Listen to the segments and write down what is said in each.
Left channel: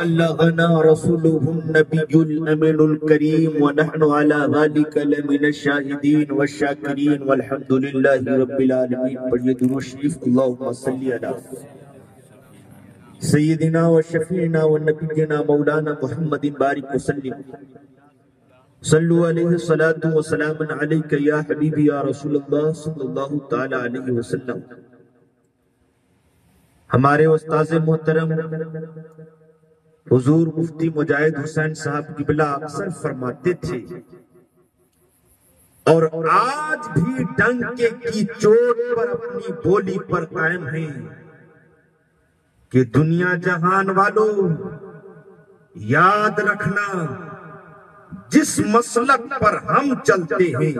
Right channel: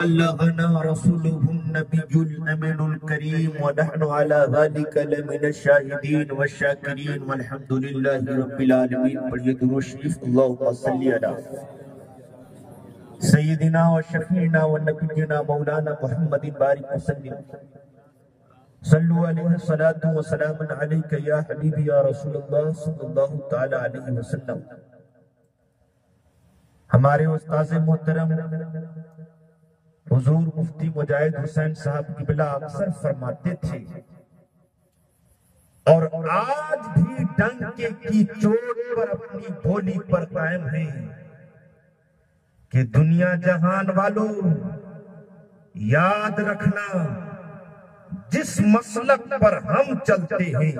बल्लगना रसूलुहुन नबियुल अमीनुल करीम व नहनु अला ज़ालिका लमिनश शाहिदीन वश्शाकिरीन वल्हम्दुलिल्लाहि रब्बिल आलमीन। पढ़िए दुरूद शरीफ। अल्लाहुम्मा सल्ली अला सय्यिदिना व शफीना व नबिय्यिना मौलाना मुहम्मदिन बारिक वसल्लिम। सल्लु अलैहि सलातु व सलामुन अलैका या हबीबी या रसूलल्लाह सल्लल्लाहु तआला अलैहि वसल्लम। हमारे उस्ताद मोहतरम हुजूर मुफ्ती मुजाहिद हुसैन साहब किबला अक्सर फरमाते थे और आज भी डंके की चोट पर अपनी बोली पर कायम है कि दुनिया जहान वालों याद रखना, जिस मसलक पर हम चलते हैं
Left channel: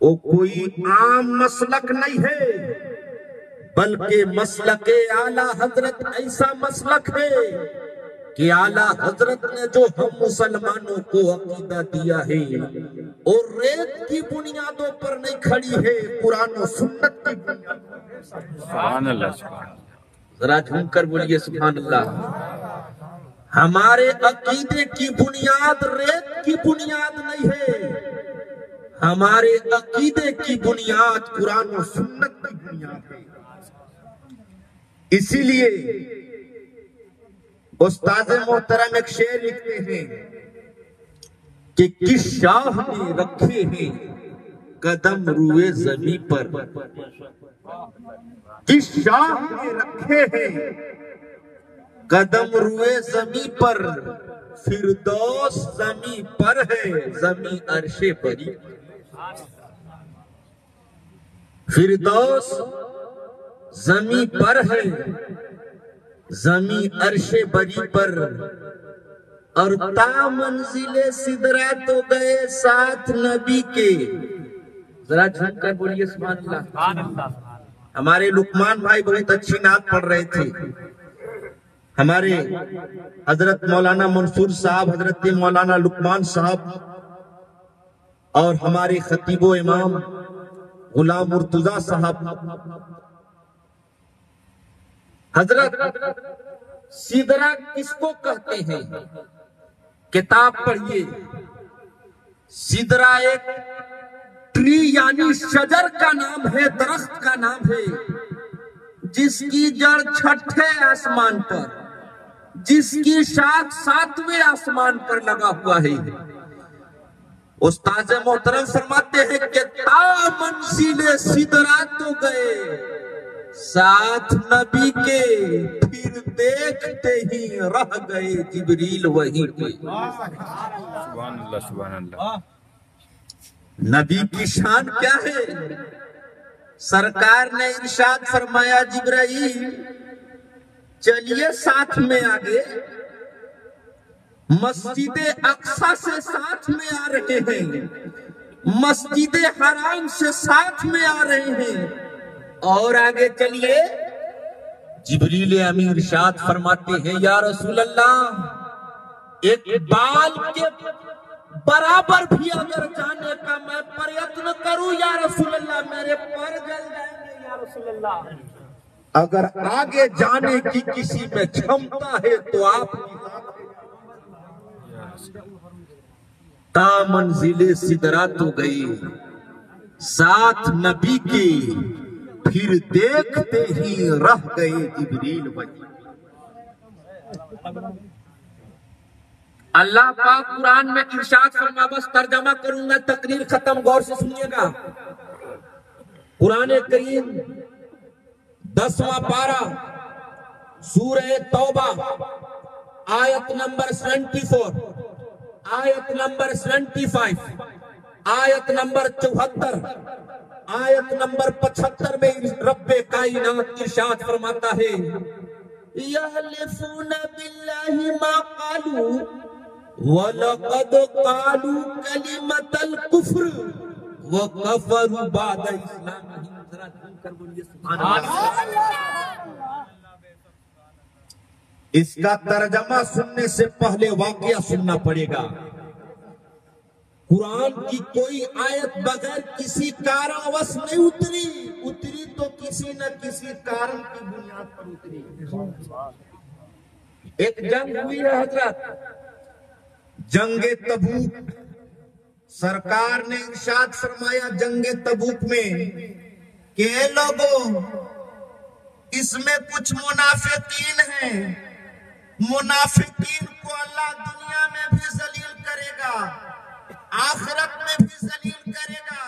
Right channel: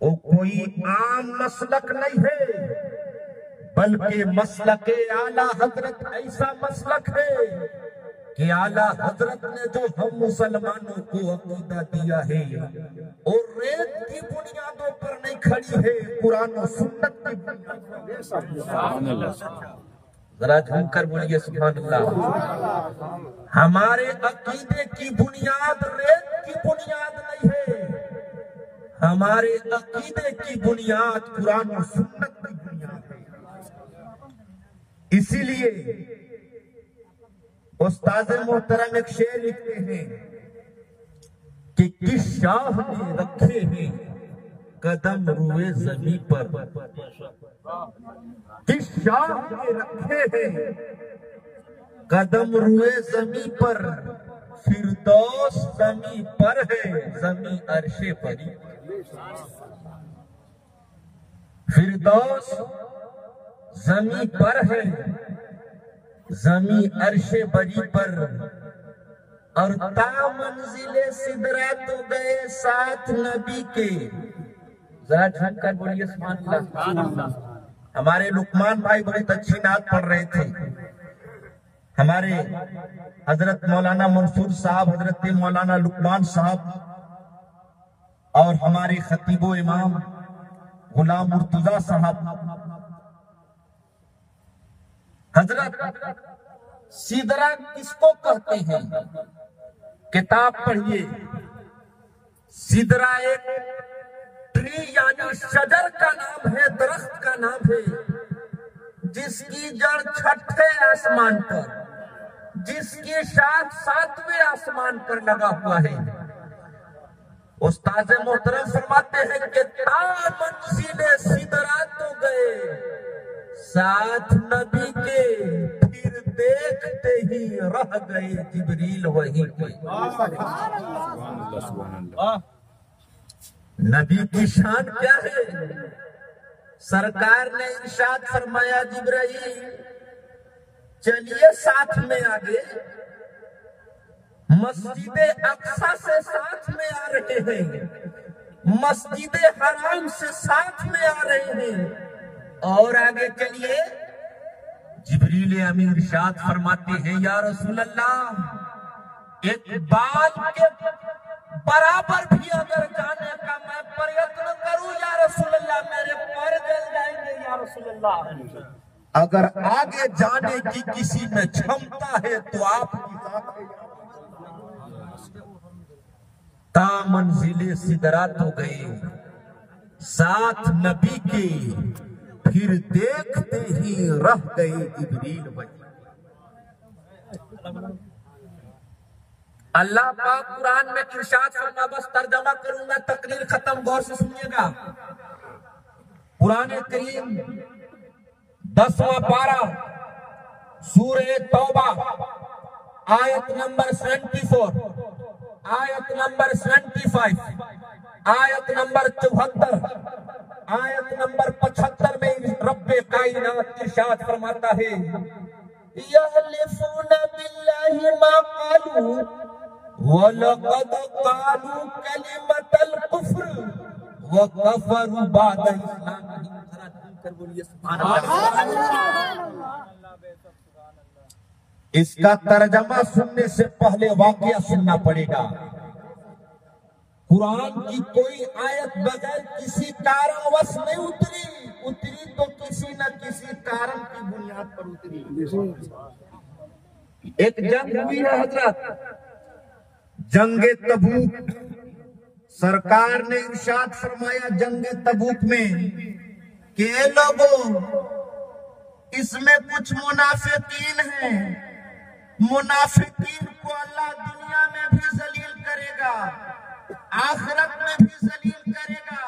वो कोई आम मसलक नहीं है, बल्कि मसलक आला हजरत ऐसा मसलक है कि आला हजरत ने जो हम मुसलमानों को अकीदा दिया है और रेत की बुनियादों पर नहीं खड़ी है, कुरान और सुन्नत की बुनियाद। सुभान अल्लाह। जरा झूमकर बोलिए सुभान अल्लाह। हमारे अकीदे की बुनियाद रेत की बुनियाद नहीं है, हमारे अकीदे की बुनियाद कुरान और सुन्नत की बुनियाद है। इसीलिए उस्ताद मोहतरम एक शेर लिखते हैं कि किस शाह ने रखे हैं कदम रुए जमी पर, किस शाह ने रखे हैं कदम रुए जमी पर, फिरदौस जमी पर है जमी अर्शे परी। फिरदौस जमी पर है जमी अर्शे बरी पर, और ता मंजिले सिदरा तो गए साथ नबी के। जरा झूमकर बोलिए सुभान अल्लाह। हमारे लुकमान भाई बहुत अच्छी नात पढ़ रहे थे। हमारे हजरत मौलाना मंसूर साहब, हजरत मौलाना लुकमान साहब और हमारे खतीबो इमाम गुलाम मुर्तजा साहब। हजरत सिदरा किसको कहते हैं? किताब पढ़िए। सिदरा एक ट्री यानी शजर का नाम है, दरख्त का नाम है, जिसकी जड़ छठे आसमान पर, जिसकी शाख सातवें आसमान पर लगा हुआ है। उस्ताद मोहतरम फरमाते हैं कि ता मंजिले सिदरा तो गए साथ नबी के, फिर देखते ही रह गए जिब्रील वहीं पे। सुभान अल्लाह सुभान अल्लाह। नबी की शान क्या है? सरकार ने इरशाद फरमाया, जिब्राइल चलिए साथ में आगे। मस्जिद अक्सा से साथ में आ रहे हैं, मस्जिद हराम से साथ में आ रहे हैं, और आगे चलिए जिब्रील अमीन इरशाद फरमाते हैं, या रसूल अल्लाह, एक बाल के बराबर भी अगर जाने का मैं प्रयत्न करूं या रसूल अल्लाह, मेरे पैर जल जाएंगे या रसूल अल्लाह। अगर आगे जाने की किसी में क्षमता है तो आप ता मंजिले सिदरा तो गई साथ नबी के, फिर देखते ही रह गए जिब्रील वहीं। अल्लाह पाक कुरान में इरशाद फरमा, बस तर्जमा करूंगा, तकरीर खत्म, गौर से सुनिएगा। कुरान करीम 10वां पारा सूरह तौबा आयत नंबर 74, आयत नंबर 75, आयत नंबर 74, आयत नंबर 75 में रब्बे कायनात इरशाद फरमाता है, यहलिफूना बिल्लाहि मा कालू व लक़द कालू कलिमतल कुफ्र व कफरू बाद इस्लामिहिम। जरा कर बोलिए सुभान अल्लाह। इसका तर्जमा सुनने से पहले वाकया सुनना पड़ेगा। कुरान की कोई आयत बगैर किसी कारणवश नहीं उतरी तो किसी न किसी कारण की बुनियाद पर उतरी। एक जंग हुई है हजरत, जंगे तबूक। सरकार ने इरशाद फरमाया जंगे तबूक में कि ये लोगों, इसमें कुछ मुनाफिकीन हैं, मुनाफिकीन को अल्लाह दुनिया में भी जलील करेगा, आखिरत में भी जलील करेगा।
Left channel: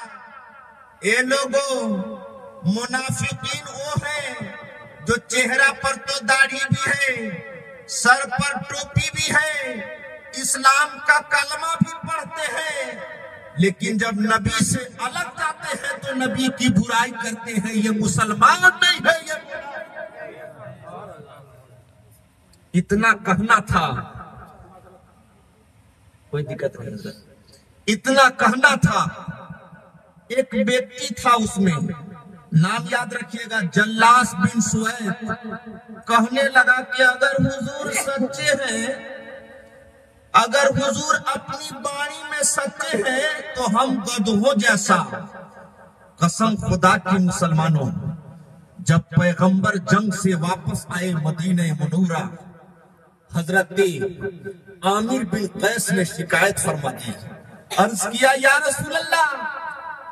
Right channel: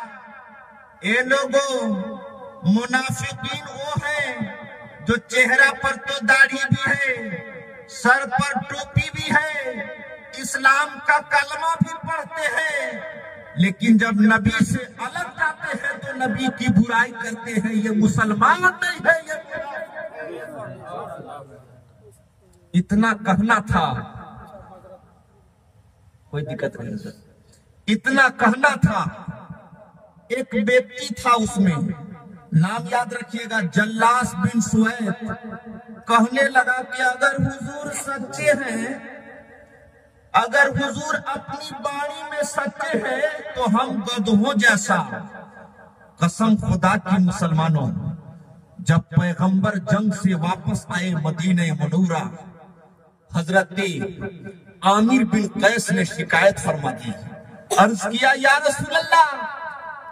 ये लोगों, मुनाफिकीन वो हैं जो चेहरा पर तो दाढ़ी भी है, सर पर टोपी भी है, इस्लाम का कलमा भी पढ़ते हैं, लेकिन जब नबी से अलग जाते हैं तो नबी की बुराई करते हैं। ये मुसलमान नहीं है। ये इतना कहना था, कोई दिक्कत नहीं, इतना कहना था। एक व्यक्ति था, उसमें नाम याद रखिएगा, जल्लास बिन सुवैद, कहने लगा कि अगर हुजूर सच्चे हैं, अगर हुजूर अपनी बाणी में सच्चे हैं तो हम गधों जैसा। कसम खुदा की मुसलमानों, जब पैगंबर जंग से वापस आए मदीने मनूरा, हजरत आमिर बिन कैस ने शिकायत फरमा दी, अर्ज किया, या रसूलल्लाह,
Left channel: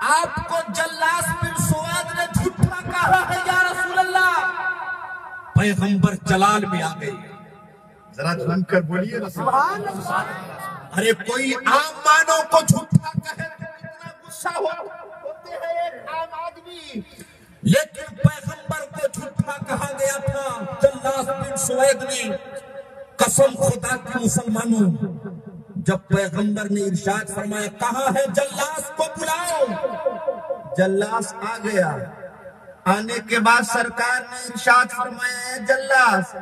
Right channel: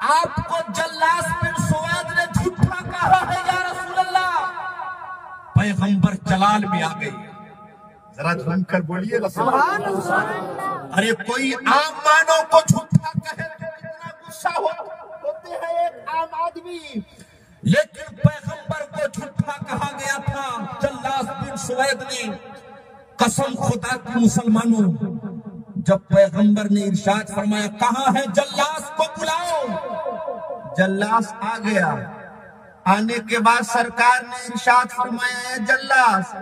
आपको जल्लास बिन सुवैद ने झूठा कहा है या रसूलल्लाह। पैगंबर जलाल में आ गए, जरा झूम कर बोलिए सुभान अल्लाह। अरे कोई आम मानव को झूठा कहे तो कितना गुस्सा होते हैं एक आम आदमी, लेकिन पैगंबर को झूठा कहा गया था जल्लास बिन सुवैद ने। कसम खुदा की मुसलमानों, जब पैगंबर ने इरशाद फरमाया, कहाँ है जल्लास को बुलाओ, जल्लास आ गया। आने के बाद सरकार ने इरशाद फरमाया, जल्लास,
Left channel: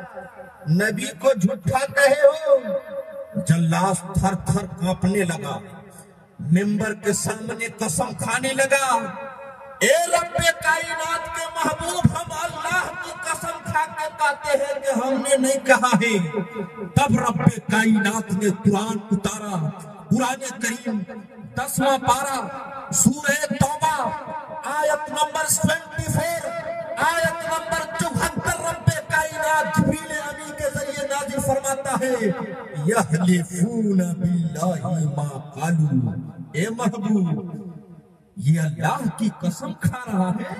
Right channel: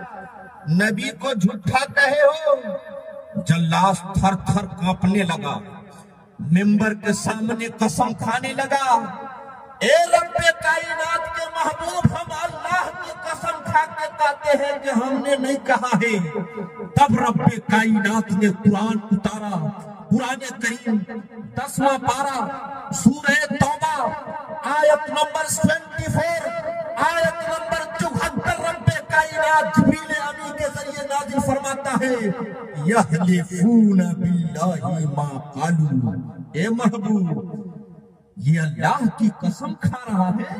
नबी को झूठा कहे हो। जल्लास थर थर कांपने लगा, मिंबर के सामने कसम खाने लगा, ए रब्बे कायनात के महबूब, हम अल्लाह की कसम खा के कहते हैं कि हमने नहीं कहा है। तब रब्बे कायनात ने कुरान उतारा, कुरान करीम 10वां पारा, सूरह तौबा, आयत नंबर 24, आयत नंबर 74, रब्बे कायनात जिब्रील अमीन के जरिए नाज़िल फरमाता है, यहलिफून बिल्लाहि मा कालू। ए महबूब, ये अल्लाह की कसम खा रहा है।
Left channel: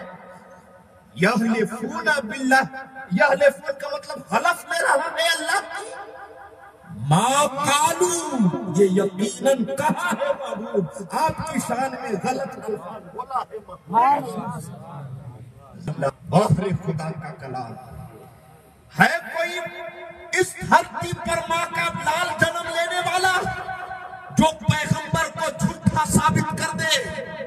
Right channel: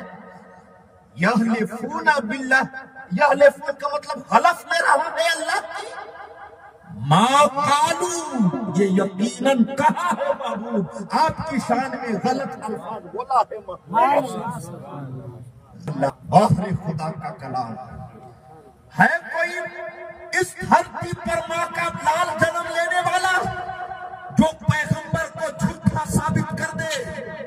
यहलिफून बिल्लाह, यहलिफून का मतलब हलफ ले रहा है अल्लाह की। मा कालू, ये यकीनन कहा है महबूब, आपकी शान में गलत अल्फाज बोला है महबूब। आखिर खुदा का कलाम है। कोई इस धरती पर माँ का लाल जन्म लेने वाला जो पैगंबर को झूठा साबित कर दे?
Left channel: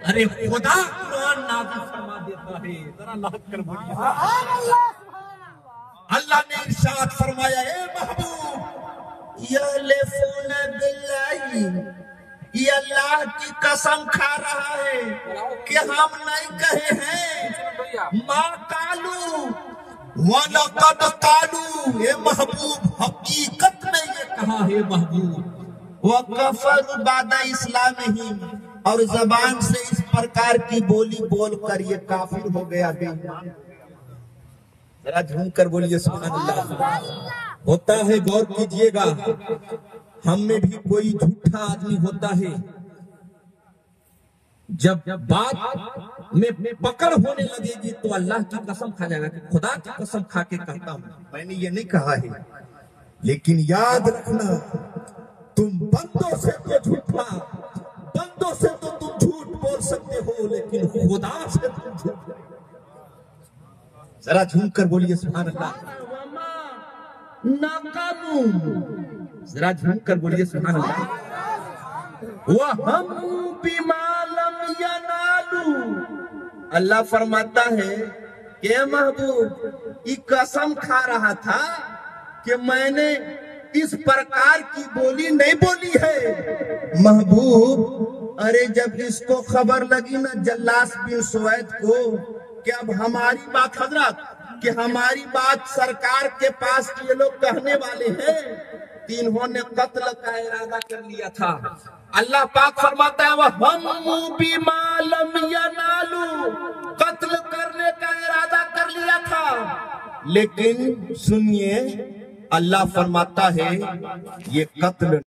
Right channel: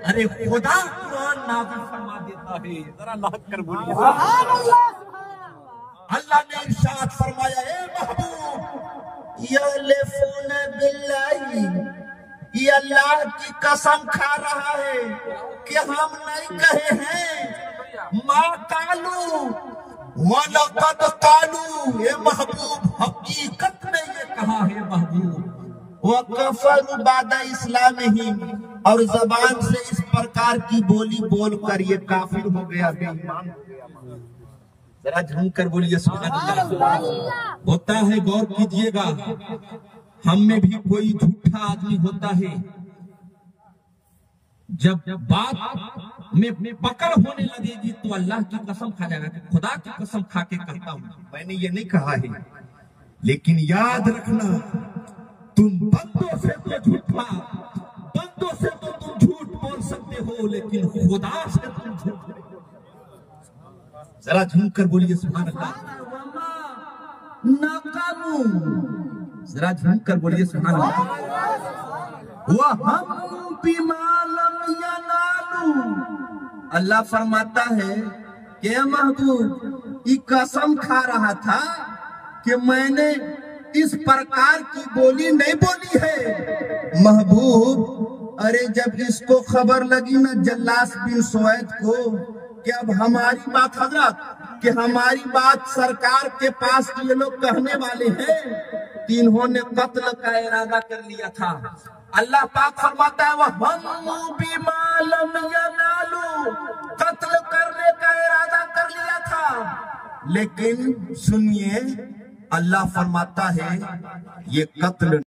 अरे खुदा कुरान नाज़िल फरमा देता है, जरा नाज़ कर बोलिए सुभान अल्लाह। अल्लाह ने इरशाद फरमाया, ए महबूब, यहलिफून बिल्लाहि, ये अल्लाह की कसम खा रहा है कि हम नहीं कहे हैं। मा कालू वलक़द कालू, ये महबूब हकीकत में ये कहा है महबूब। वकफरू बादा इस्लामिहिम, और जबान से इस प्रकार की बोली बोलकर ये काफिर हो गया, बेईमान। जरा झूम कर बोलिए सुभान अल्लाह। होता है, गौर कीजिएगा, हम में भी कोई झूठा आदमी होता है, जब बात में पकड़ होने लगेगी तो अल्लाह की कसम खा जाएगा कि खुदा की कसम खा के कहता हूं, मैंने ये नहीं कहा है। लेकिन याद रखना, तुम बंदों से तो झूठा, बंदों से तो तुम झूठ बोल सकते हो, लेकिन खुदा से तुम झूठ। जरा झूम कर बोलिए सुभान अल्लाह। नाकामू, जरा झूम कर बोलिए सुभान अल्लाह। वह हम बिमालम यनालू, अल्लाह फरमाता है कि महबूब, ये कसम खा रहा था कि मैंने इस प्रकार की बोली नहीं बोली है। महबूब, अरे जब इसको खबर लगी ना जल्लास बिन सुवैद को कि अब हमारी बात, हजरत, कि हमारी बात सरकार के पास ये लोग कहने वाले हैं, तो इन्होंने कत्ल का इरादा कर लिया था। अल्लाह पाक फरमाता है, वह हम बिमालम यनालू, कत्ल करने का इरादा कर लिया था। लेकिन सुनिए, अल्लाह फरमाता है ये कत्ल